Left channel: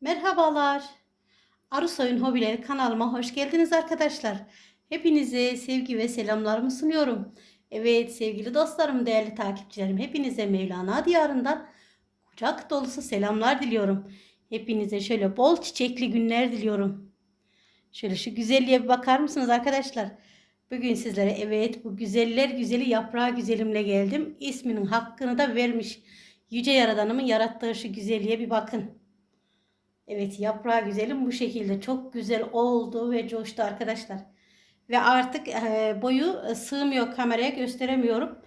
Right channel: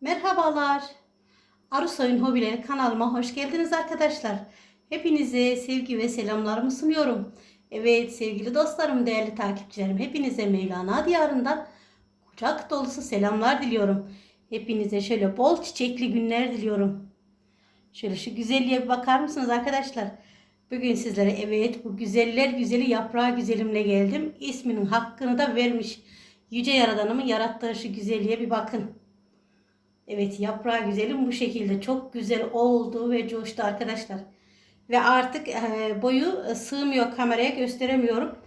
Merhabalar. Arısoy'un hobileri kanalıma hoş geldiniz arkadaşlar. Hepinize sevgi ve selamlarımı sunuyorum. Evet sevgili dostlarım, değerli takipçilerim, hepinize Mevlana diyarından kucak dolusu selamlar diliyorum. Hepinize şöyle bol çiçekli günler diliyorum. Şöyle şu güzelliğe bir bakar mısınız arkadaşlar? Bugün sizlere evet bu güzeller güzeli yaprağı güzelimle geldim. İsminin hakkını da vermiş. Yüce Yaradanımın yarattığı şu güzelliğe bir bakın. Evet yaprağı güzelim bu şekilde çok güzel oldu ve coştu arkadaşlar. Ve artık e, boyu e, sığmıyor kameraya gösteremiyorum.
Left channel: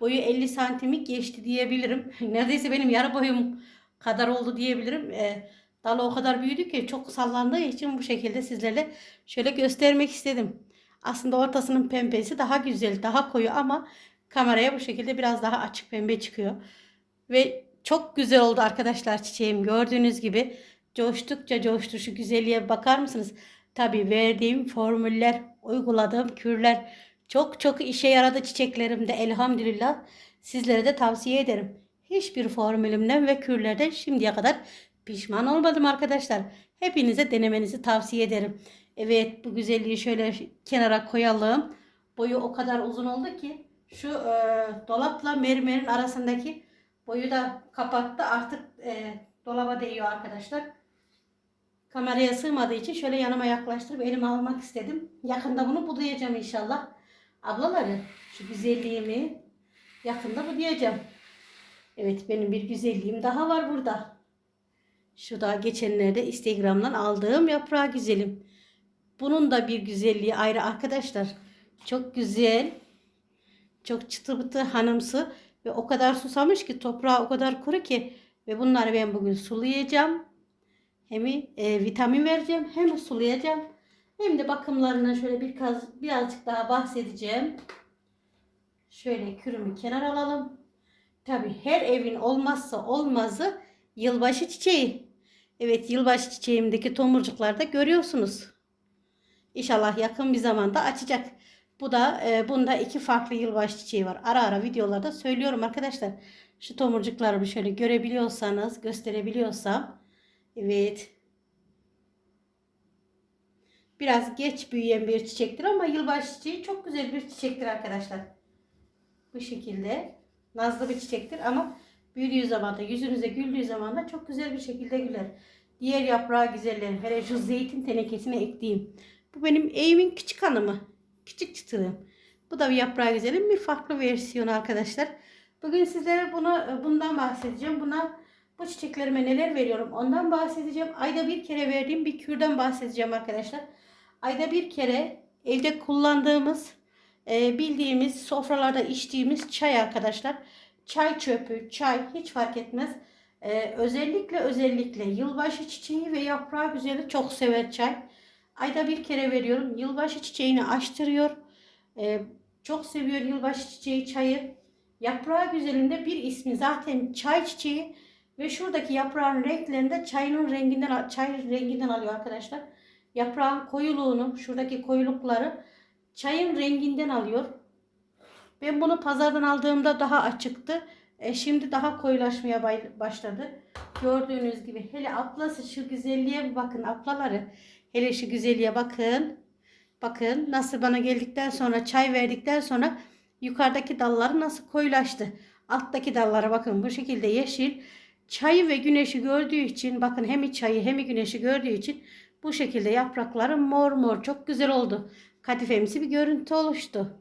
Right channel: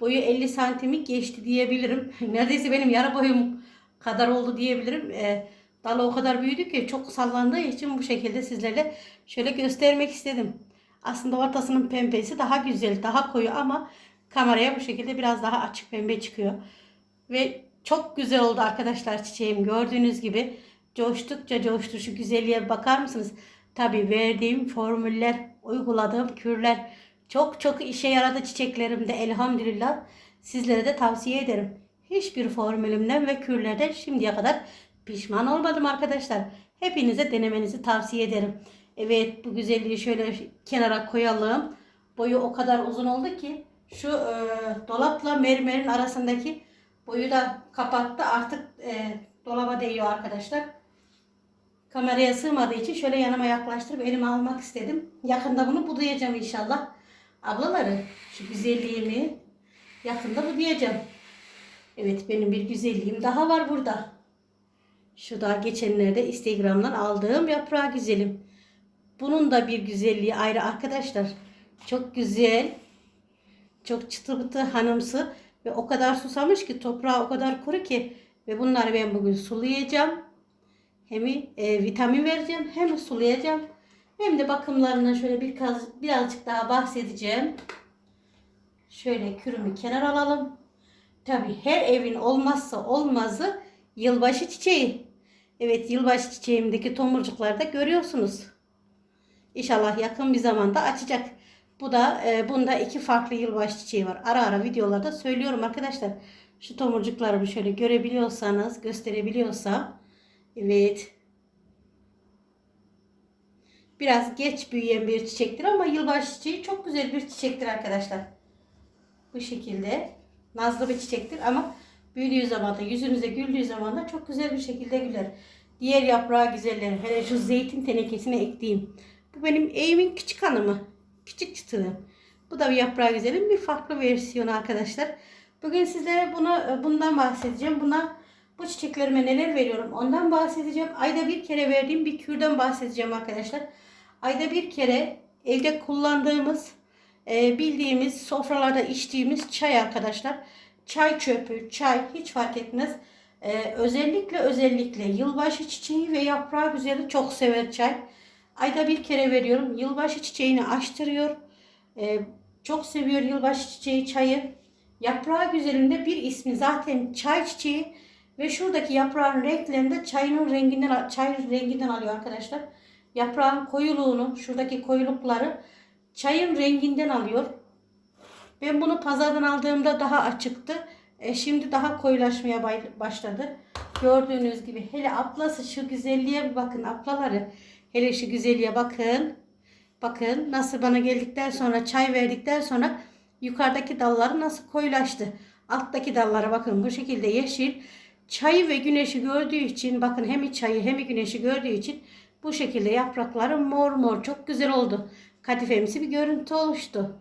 Boyu 50 santimi geçti diyebilirim. Neredeyse benim yarı boyum kadar oldu diyebilirim. E, dalı o kadar büyüdü ki çok sallandığı için bu şekilde sizlerle şöyle göstermek istedim. Aslında ortasının pembesi daha güzel, daha koyu ama kameraya bu şekilde biraz daha açık pembe çıkıyor. Ve çok güzel oldu arkadaşlar çiçeğim gördüğünüz gibi coştukça coştu. Şu güzelliğe bakar mısınız? Tabii verdiğim formüller, uyguladığım kürler çok çok işe yaradı çiçeklerimde elhamdülillah. Sizlere de tavsiye ederim. Hiçbir formülümden ve kürlerden şimdiye kadar pişman olmadım arkadaşlar. Hepinize denemenizi tavsiye ederim. Evet bu güzelliği şöyle kenara koyalım. Boyu o kadar uzun oldu ki şu e, dolapla mermerin arasındaki boyu da kapattı. Artık e, dolaba değiyor arkadaşlar. Kameraya sığmadığı için şöyle yanıma yaklaştırıp elime almak istedim. Yakında bunu budayacağım inşallah. Ablaları şu güzelliğimi yakında budayacağım. Evet benim bir güzelliğim daha var burada. Şu da geçenlerde Instagram'dan aldığım yaprağı güzelim. Bunun da bir güzelliği ayrı arkadaşlar. Çok güzel. Çok çıtı bıtı hanımsı. Ve o kadar susamış ki toprağı o kadar kuru ki. Ve bunları ben bugün sulayacağım. Hem e, vitamin vereceğim hem sulayacağım. Hem de bakımlarından şöyle biraz, birazcık daha bahsedeceğim. Şöyle kürümü kenar alalım. Tabi her evin olmazsa olmazı yılbaşı çiçeği. Evet yılbaşı çiçeğimdeki tomurcuklarda görüyorsunuz. İnşallah yakın bir zamanda açacak. Bu da e, bunda iki farklı yılbaşı çiçeği var. Ara ara videolarda söylüyorum arkadaşlar. Şu tomurcuklarımı şöyle görebiliyorsanız, gösterebiliyorsam. Evet. Biraz geç büyüyen bir çiçektir ama yılbaşı çiçeği çok güzel bir çiçektir arkadaşlar. Bu şekilde. Nazlı bir çiçektir ama büyüdüğü zaman da yüzünüze güldüğü zaman da çok güzel bir şekilde güler. Diğer yaprağı güzeller. Hele şu zeytin tenekesine ektiğim. Bu benim evimin küçük hanımı. Küçük çıtırım. Bu da bir yaprağı güzelim. Bir farklı versiyonu arkadaşlar. Bugün sizlere buna, bundan bahsedeceğim. Buna bu çiçeklerime neler veriyorum ondan bahsedeceğim. Ayda bir kere verdiğim bir kürden bahsedeceğim arkadaşlar. Ayda bir kere evde kullandığımız e, bildiğimiz sofralarda içtiğimiz çay arkadaşlar. Çay çöpü, çay hiç fark etmez. E, özellikle özellikle yılbaşı çiçeği ve yaprağı güzeli çok sever çay. Ayda bir kere veriyorum. Yılbaşı çiçeğini açtırıyor. E, çok seviyor yılbaşı çiçeği çayı. Yaprağı güzelinde bir ismi zaten çay çiçeği ve şuradaki yaprağın renklerinde çayının renginden çay renginden alıyor arkadaşlar. Yaprağın koyuluğunu, şuradaki koyulukları çayın renginden alıyor. Ben bunu pazardan aldığımda daha açıktı. E şimdi daha koyulaşmaya başladı. Gördüğünüz gibi hele aplası şu güzelliğe bakın aplaları. Hele şu güzelliğe bakın. Bakın nasıl bana geldikten sonra çay verdikten sonra yukarıdaki dalları nasıl koyulaştı. Alttaki dallara bakın bu şekilde yeşil. Çayı ve güneşi gördüğü için bakın hem çayı hem güneşi gördüğü için bu şekilde yaprakları mor mor çok güzel oldu. Kadifemsi bir görüntü oluştu.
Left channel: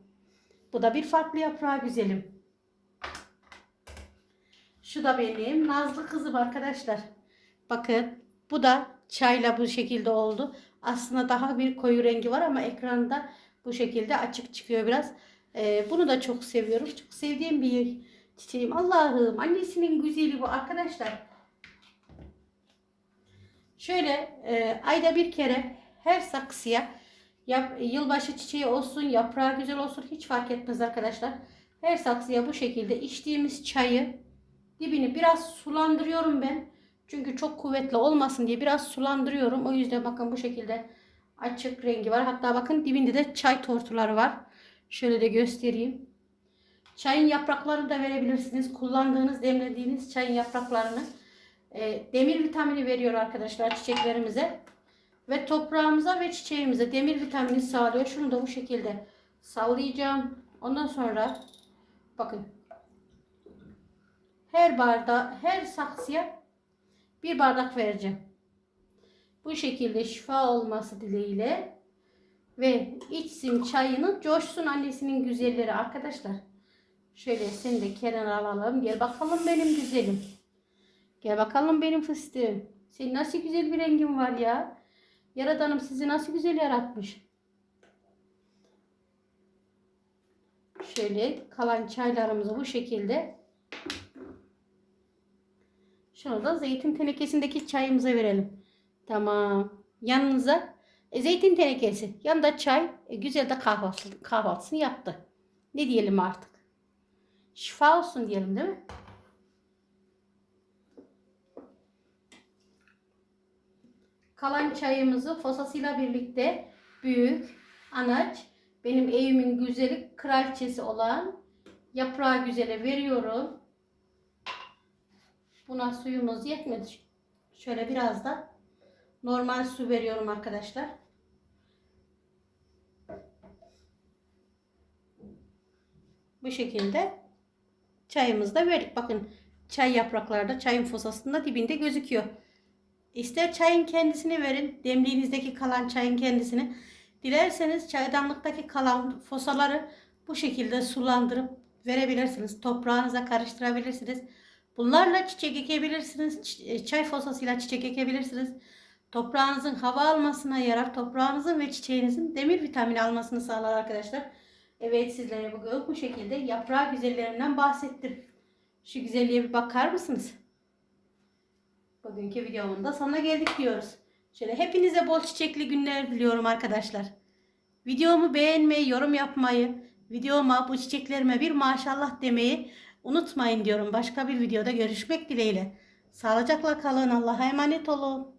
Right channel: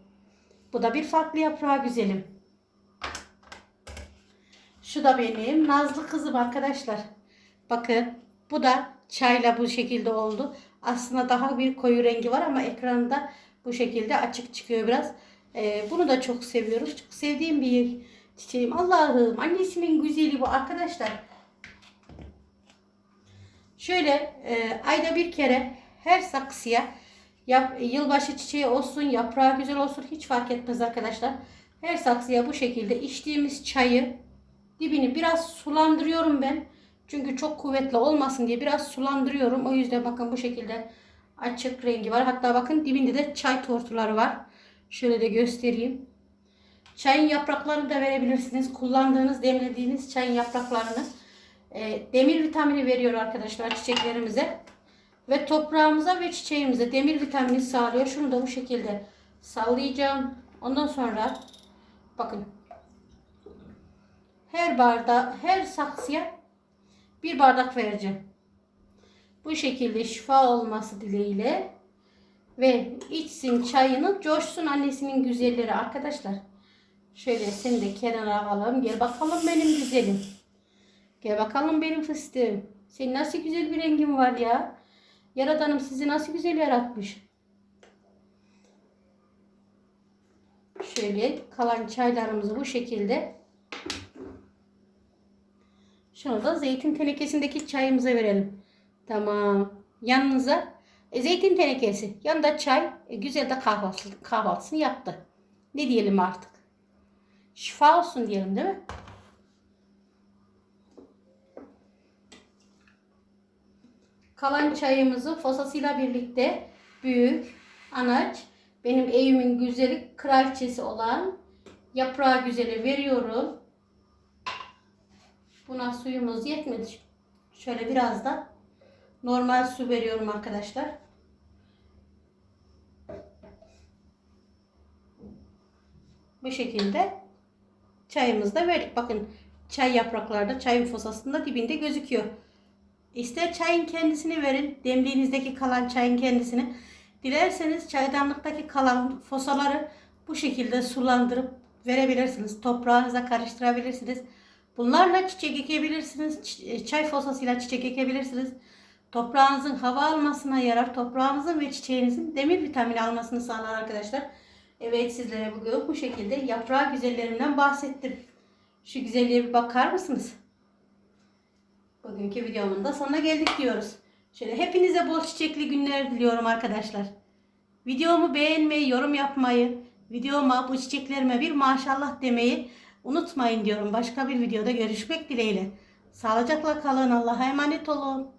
Bu da bir farklı yaprağı güzelim. Şu da benim nazlı kızım arkadaşlar. Bakın bu da çayla bu şekilde oldu. Aslında daha bir koyu rengi var ama ekranda bu şekilde açık çıkıyor biraz. Ee, bunu da çok seviyorum. Çok sevdiğim bir çiçeğim. Allah'ım annesinin güzeli bu arkadaşlar. Şöyle e, ayda bir kere her saksıya yap, yılbaşı çiçeği olsun, yaprağı güzel olsun hiç fark etmez arkadaşlar. Her saksıya bu şekilde içtiğimiz çayı dibini biraz sulandırıyorum ben. Çünkü çok kuvvetli olmasın diye biraz sulandırıyorum. O yüzden bakın bu şekilde açık rengi var. Hatta bakın dibinde de çay tortuları var. Şöyle de göstereyim. Çayın yapraklarını da verebilirsiniz. Kullandığınız, demlediğiniz çayın yapraklarını e, demir vitamini veriyor arkadaşlar çiçeklerimize. Ve toprağımıza ve çiçeğimize demir vitamini sağlıyor. Şunu da bu şekilde sallayacağım. Ondan sonra bakın her barda her saksıya bir bardak vereceğim. Bu şekilde şifa olması dileğiyle ve içsin çayını coşsun annesinin güzelleri arkadaşlar. Şöyle seni de kenara alalım. Gel bakalım benim güzelim. Gel bakalım benim fıstığım. Senin nasıl güzel bir rengin var ya. Yaradanım sizi nasıl güzel yaratmış. Şöyle kalan çaylarımızı bu şekilde şunu da zeytin tenekesindeki çayımıza verelim. Tamam. Yanınıza e, zeytin tenekesi. Yanında çay. E, güzel de kahvaltı, kahvaltısını yaptı. Ne diyelim artık. Şifa olsun diyelim değil mi? Kalan çayımızı fosasıyla birlikte büyük, anaç, benim evimin güzeli kraliçesi olan yaprağı güzeli veriyorum. Buna suyumuz yetmedi. Şöyle biraz da normal su veriyorum arkadaşlar. Bu şekilde çayımızı da verdik. Bakın çay yapraklarda çayın fosasında dibinde gözüküyor. İster çayın kendisini verin. Demliğinizdeki kalan çayın kendisini. Dilerseniz çaydanlıktaki kalan fosaları bu şekilde sulandırıp verebilirsiniz. Toprağınıza karıştırabilirsiniz. Bunlarla çiçek ekebilirsiniz. E, Çay fosasıyla çiçek ekebilirsiniz. Toprağınızın hava almasına yarar. Toprağınızın ve çiçeğinizin demir vitamini almasını sağlar arkadaşlar. Evet sizlere bugün bu şekilde yaprağı güzellerinden bahsettim. Şu güzelliğe bir bakar mısınız? Bugünkü videomun da sonuna geldik diyoruz. Şöyle hepinize bol çiçekli günler diliyorum arkadaşlar. Videomu beğenmeyi, yorum yapmayı, videoma bu çiçeklerime bir maşallah demeyi unutmayın diyorum. Başka bir videoda görüşmek dileğiyle. Sağlıcakla kalın. Allah'a emanet olun.